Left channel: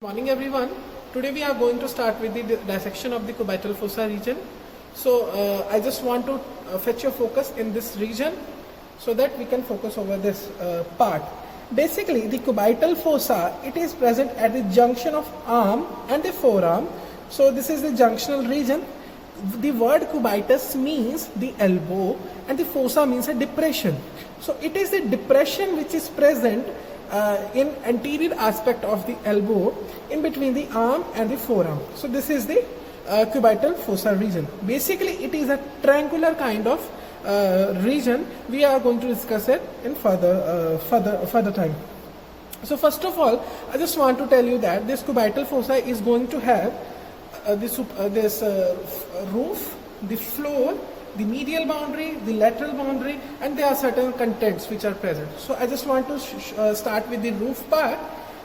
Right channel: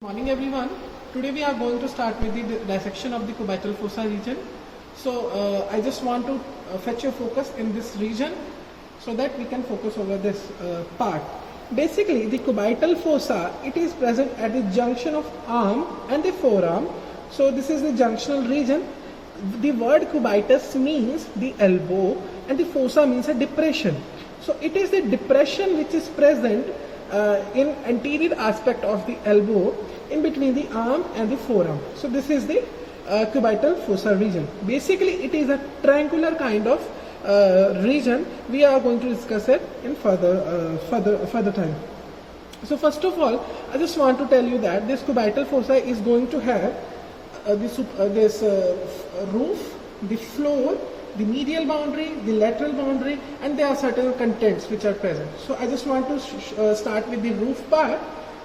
Morning everyone. Today we are going to start with the dissection of the cubital fossa region. So I just want to fetch your focus in this region so that we can focus over this part. Basically the cubital fossa, it is present at the junction of arm and the forearm. So this is the junctional region. The word cubitus means the elbow and the fossa means a depression. So it is the depression which is present in anterior aspect of the elbow in between the arm and the forearm. So this is the cubital fossa region. Basically it is a triangular kind of region. We are going to discuss it in further time. So first of all, I just want to tell you that this cubital fossa is going to have this roof, the floor, the medial boundary, the lateral boundary, and there are certain contents which are present. So I just want to start with the roof part.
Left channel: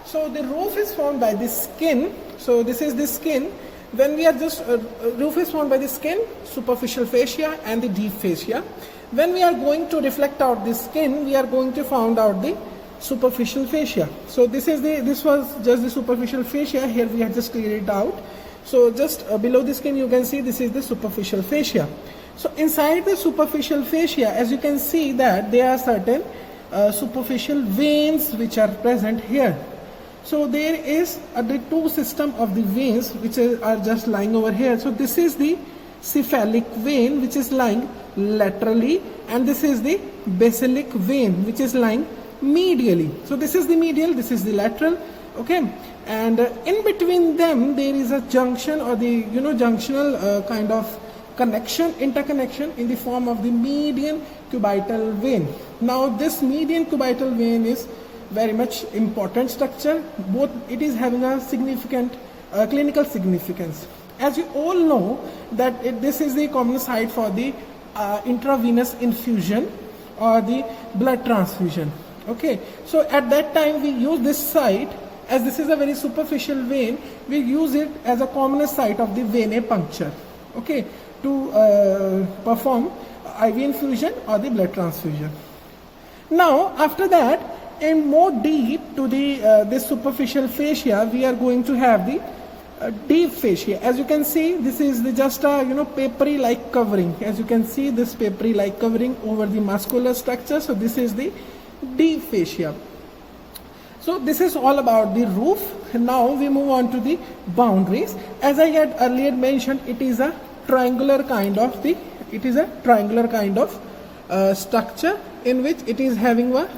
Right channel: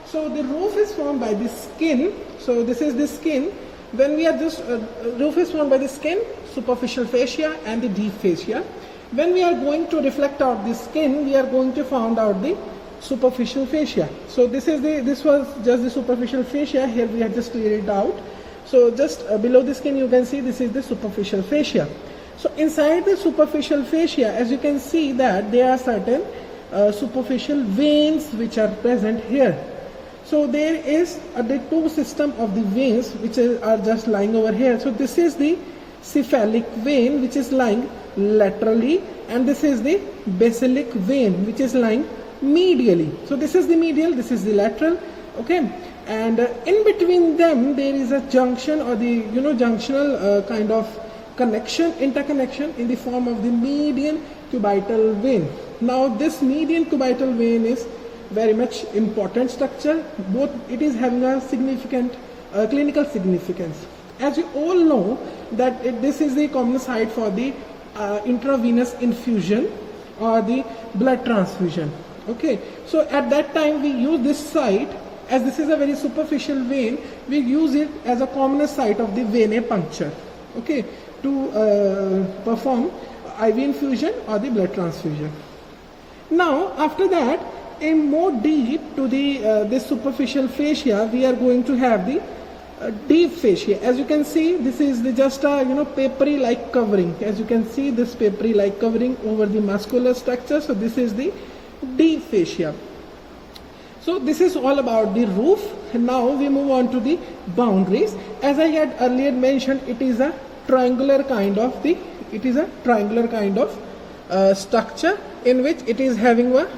So the roof is formed by the skin. So this is the skin. When we are roof is formed by the skin, superficial fascia and the deep fascia. When we are going to reflect out the skin, we are going to find out the superficial fascia. So this was just the superficial fascia. Here we have just cleared it out. So just below the skin you can see this is the superficial fascia. So inside the superficial fascia, as you can see that there are certain superficial veins which are present here. So there is the two system of the veins which are just lying over here. So this is the cephalic vein which is lying laterally, and this is the basilic vein which is lying medially. So this is the medial, this is the lateral, okay. And in between them there is a junction or the junctional kind of interconnection in the form of the median cubital vein. Now this median cubital vein is very much important structure. Both it is having a significant clinical significance. As you all know that this is the common site for the intravenous infusion or the blood transfusion. Okay, so at that time we use this site, as this is a very superficial vein, we use it as a common site of the venae puncture, okay, to perform IV infusion or the blood transfusion. Now after that, in more deep to the this superficial fascia, we are going to have the deep fascia. As you can see, this is just a papery like covering. As you can see, this papery like covering over the muscular structure. So this is the deep fascia. So this is all about the roof. Now we move on to the boundaries. As I had earlier mentioned, it is a triangular kind of structure in which it is having a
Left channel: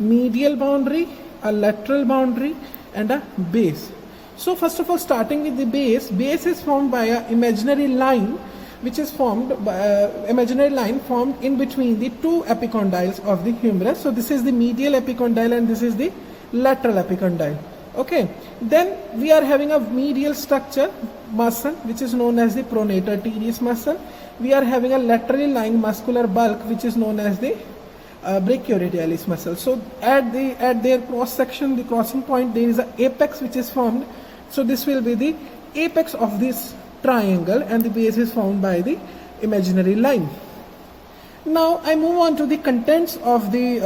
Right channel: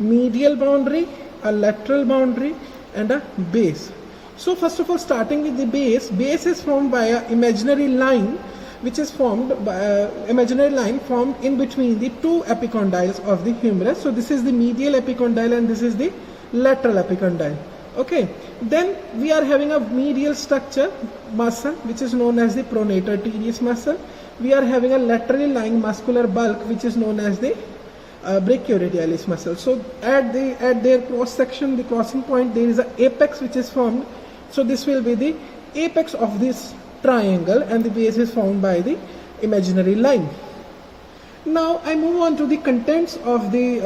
medial boundary, a lateral boundary, and a base. So first of all, starting with the base is formed by an imaginary line which is formed in between the two epicondyles of the humerus. So this is the medial epicondyle and this is the lateral epicondyle. Okay, then we are having a medial structure muscle which is known as the pronator teres muscle. We are having a laterally lying muscular bulk which is known as the brachioradialis muscle. So at their cross section, the crossing point, there is an apex which is formed. So this will be the apex of this triangle, and the base is formed by the imaginary line. Now I move on to the contents of the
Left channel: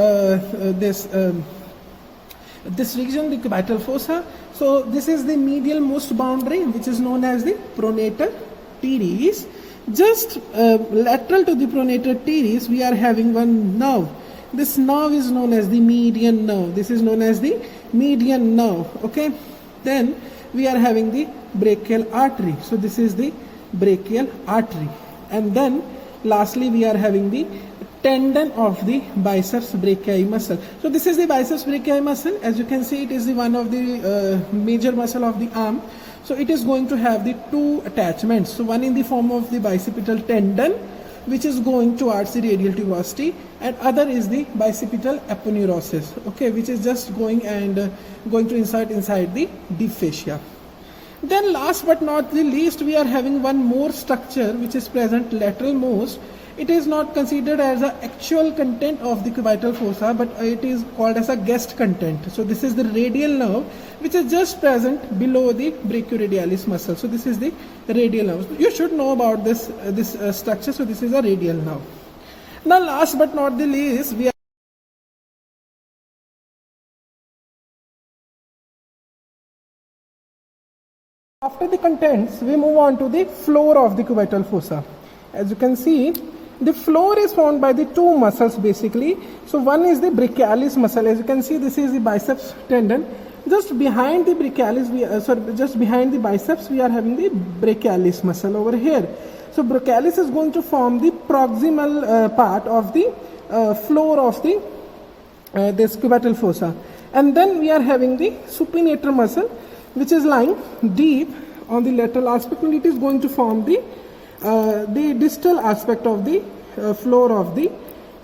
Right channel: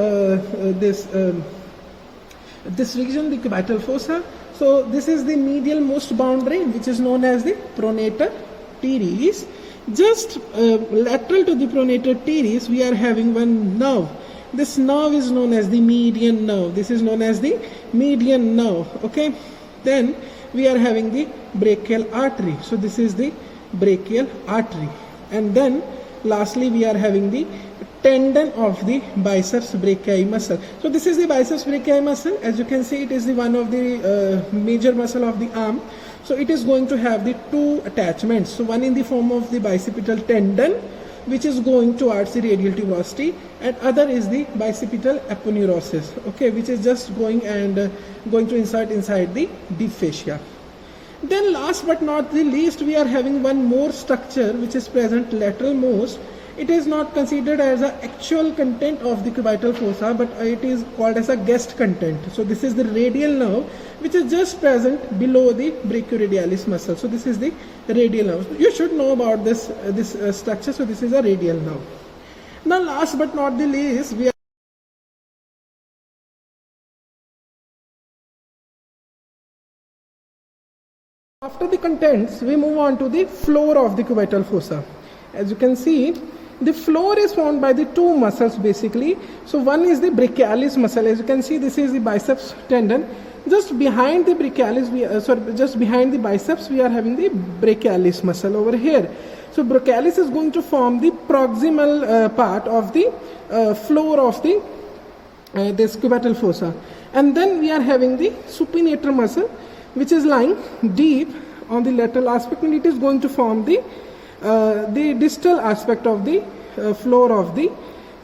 this region, the cubital fossa. So this is the medial most boundary which is known as the pronator teres. Just lateral to the pronator teres, we are having one nerve. This nerve is known as the median nerve. This is known as the median nerve. Okay. Then we are having the brachial artery. So this is the brachial artery. And then lastly we are having the tendon of the biceps brachii muscle. So this is the biceps brachii muscle. As you can see, it is the one of the major muscle of the arm. So it is going to have the two attachments. So one in the form of the bicipital tendon, which is going towards the radial tuberosity, and other is the bicipital aponeurosis, okay, which is just going to insert inside the deep fascia. Then last but not the least, we are having one more structure which is present lateral most. It is not considered as an actual content of the cubital fossa, but it is called as a guest content. So this is the radial nerve which is just present below the brachioradialis muscle. So this is the radial nerve. You should know about this structure. So this is a radial nerve. Now last but not the least, we are After the contents, we move on to the floor of the cubital fossa. As you can see, the floor is formed by the two muscles basically. So one is the brachialis muscle. As you can see, this is the biceps tendon. Just behind the brachialis, just behind the biceps, we are having the brachialis muscle over here. So brachialis is going to form the proximal part of the floor of the this cubital fossa. And then we are having the supinator muscle, which is lying deep on the lateral aspect, and it is going to form the distal aspect of the floor of the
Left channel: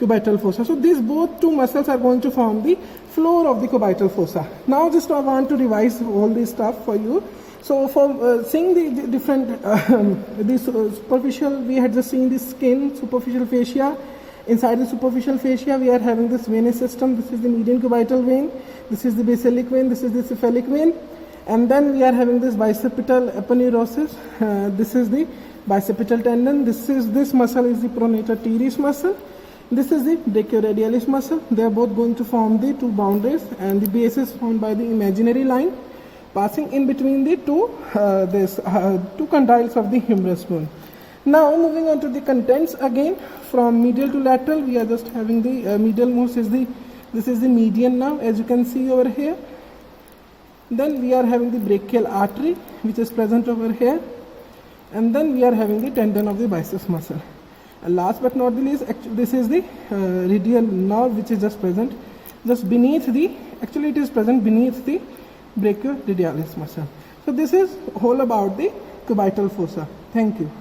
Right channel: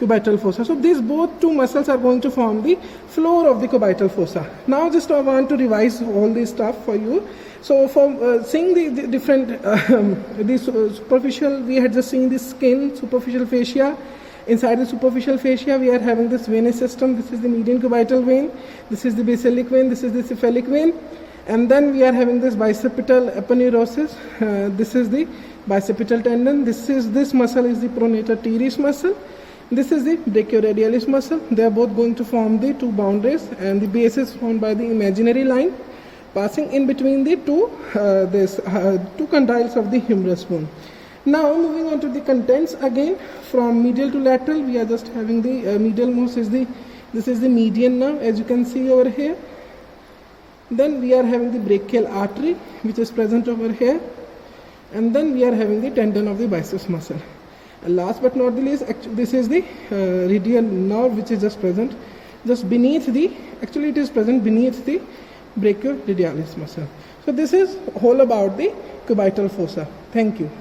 cubital fossa. So these both two muscles are going to form the floor of the cubital fossa. Now just I want to revise all this stuff for you. So for seeing the different superficial, we had just seen the skin, superficial fascia. Inside the superficial fascia, we are having this venous system. This is the median cubital vein. This is the basilic vein. This is the cephalic vein. And then we are having this bicipital aponeurosis. This is the bicipital tendon. This muscle is the pronator teres muscle. This is the brachioradialis muscle. They are both going to form the two boundaries, and the base is formed by the imaginary line passing in between the two condyles of the humerus bone. Now moving on to the contents again, from medial to lateral, we are just having the medial most is this is the median nerve, as you can see over here. Then we are having the brachial artery, which is present over here, and then we are having the tendon of the biceps muscle. And last but not the least, this is the radial nerve, which is just present just beneath the, actually it is present beneath the brachioradialis muscle. So this is all about the cubital fossa. Thank you.